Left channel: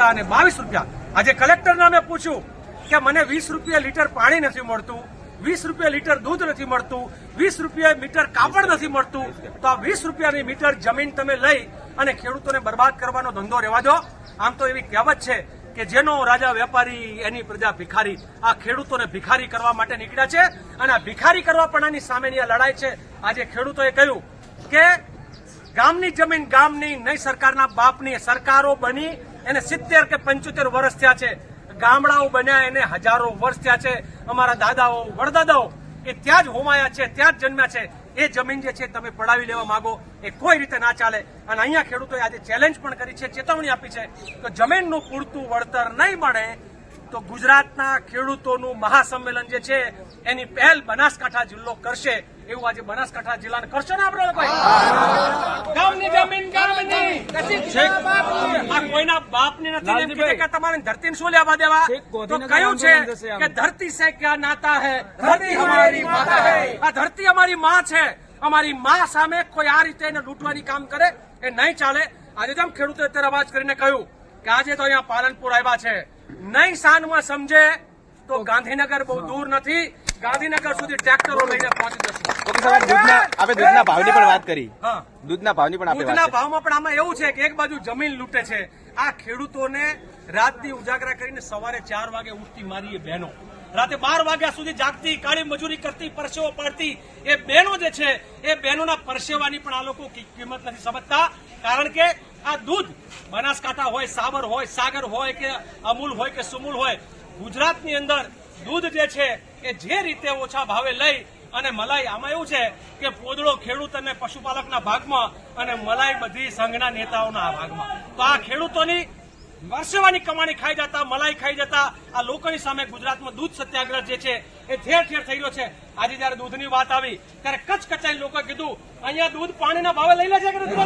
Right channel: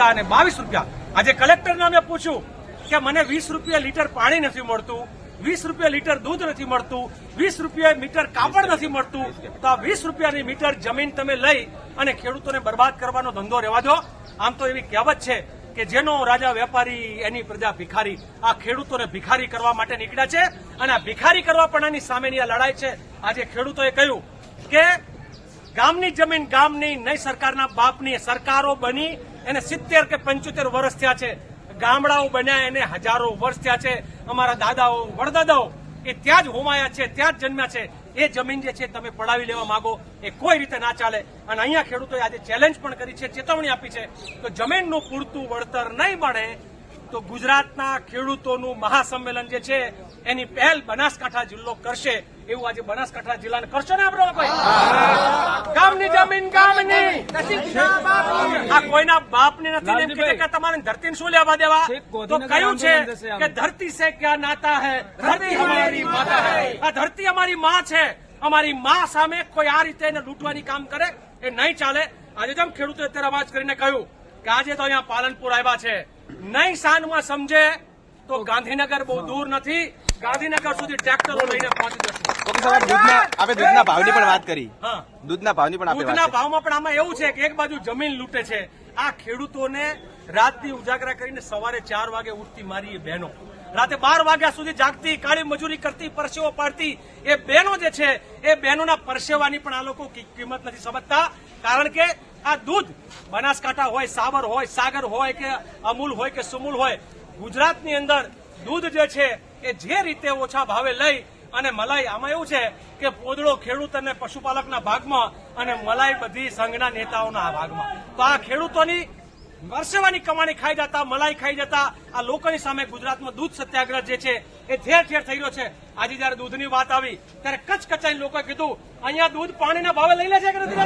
રૂપિયા અને બાવીસ રૂપિયા. આજે કલેક્ટરને અમે પૂછ્યું કે મને વીસ રૂપિયા લીટર પાણી નથી મળતું, વીસ રૂપિયા લીટર દૂધ નથી મળતું, વીસ રૂપિયા મીટર કાપડ નથી મળતું. તો આ વીસ રૂપિયાની મીટર જમીન તમે લઈ અને ખેડૂતોને બરબાદ કરવાનો ધંધો રહેવા દો. આમ તો એવી કહેવત છે કે જેનો રાજા વેપારી એની પ્રજા ભિખારી. આ ખેડૂતોને ભિખારી કરવા માટે નીકળ્યા છે અને આ ભિખારી કરવા પણ આની સામેની આ લડાઈ છે. આજે ખેડૂતોએ કહ્યું કે ગામની જમીન ગામની, નહીં સરકારના બાપની. સરકારો બની એને સિત્તેર કે પંચોતેર વર્ષ થયા છે. ગામડાઓ બન્યા એને હજારો વર્ષ થયા છે. અમારા દાદાઓ, વડદાદાઓ એ ત્યાં જ હોમાયા છે, ત્યાં જ જન્મ્યા છે. એ જમીન જે છે તમે પડાવી લેવા માંગો, એ કોઈ રીતે ના ચાલે. અને અહીંયા ખેડૂતોએ આજે ચેલેન્જ પણ કરી છે, ચેતવણી આપી છે તો જમીનનું પૂરતું વળતર નહીં મળે તો ગુજરાતના ખેડૂતોનું મહાસંમેલન જે છે એની પહેલ બનાસકાંઠા જિલ્લો કરશે એવું આજે બનાસકાંઠા જિલ્લાને કરશો ને આપણે ગામની જમીન ગામની. આ કોઈના બાપની નથી કે તમારી ધરતી શું લેવા દેવા? તો કયું છે કે ધરતી સે ક્યાં નાતા હૈ? ધરતી હમારી માતા હૈ. આ ધરતી અમારી માં છે. અમારી માં સામે કોઈ આ રીતે એને લૂંટવાની કામ કરે એ નહીં ચાલે. આજે જેમ ખેડૂતોએ અત્યારે અવાજ કરીને કહ્યું કે આજે તો અહીંયા પાલનપુર આવ્યા છે. નહીં સાનમાં સમજે તો ગાંધીનગર બહુ દૂર નથી. ગાંધીનગર સુધી ટ્રેક્ટરો લઈને પહોંચી જશું. ઓકે સાહેબ દૂધના આપણે દૂધના ભાવની પણ વાત કરી. હા. દૂધના ભાવની પણ દૂધના ભાવમાં પણ આમાં એવું છે કે એક બાજુ જમીન લૂંટે છે. આ ખેડૂતોને રાતની ઉજાગરા કરીને સવારે ચાર વાગે ઉઠતી મારી એ બહેનો. રાતે બાર વાગ્યા સુધી જાગતી કાળી મજૂરી કરતી પરસેવો પાડતી એ બહેનો જે છે એ બહેનોના પરસેવાની પણ આ લોકો કિંમત નથી સમજતા. કારણ કે આ દૂધ બનાસકાંઠા હોય સાબર હોય, સાગર હોય કે અમૂલ હોય કે સુમૂલ હોય, ગુજરાતની અંદર દૂધ જે છે એ જે રીતે ઓછા ભાવે લઈ અને મલાઈ, આમાં એવું છે કે પોદળો ખેડૂત અને પશુપાલકના ભાગમાં અને મલાઈ બધી સંઘના નેતાઓના ભાગમાં. તો આ ખેડૂતોની વર્ષેવાની કમાણી ખાઈ જતા, મલાઈ ખાઈ જતા, આ લોકોની સામે ગુજરાતમાં દૂધ સત્યાગ્રહ જે છે, એ ઠેર ઠેર થઈ રહ્યો છે. આજે જયારે દૂધની વાત આવી, ત્યારે કચ્છ કચાઈ લોકોએ કીધું, અહીંયા દૂધ પાણીના ભાવે લઈ લે છે કે નથી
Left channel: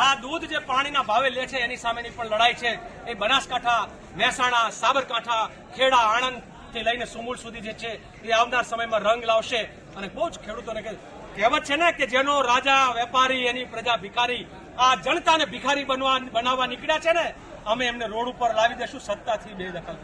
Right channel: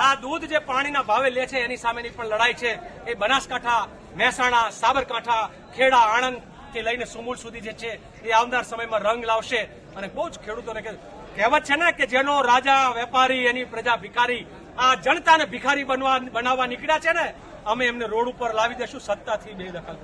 આ દૂધ જે પાણીના ભાવે લે છે, એની સામેની પણ લડાઈ છે. એ બનાસકાંઠા, મહેસાણા, સાબરકાંઠા, ખેડા આણંદથી લઈને સુમૂળ સુધી જે છે, એ આવનાર સમયમાં રંગ લાવશે. અને બહુ જ ખેડૂતોને કહેવત છે ને કે જેનો રાજા, વેપારી, એની પ્રજા ભિખારી, આ જનતાને ભિખારી બનવા, બનાવવા નીકળ્યા છે ને અમે એમને રોડ ઉપર લાવી દઈશું સત્તાથી બે દખલ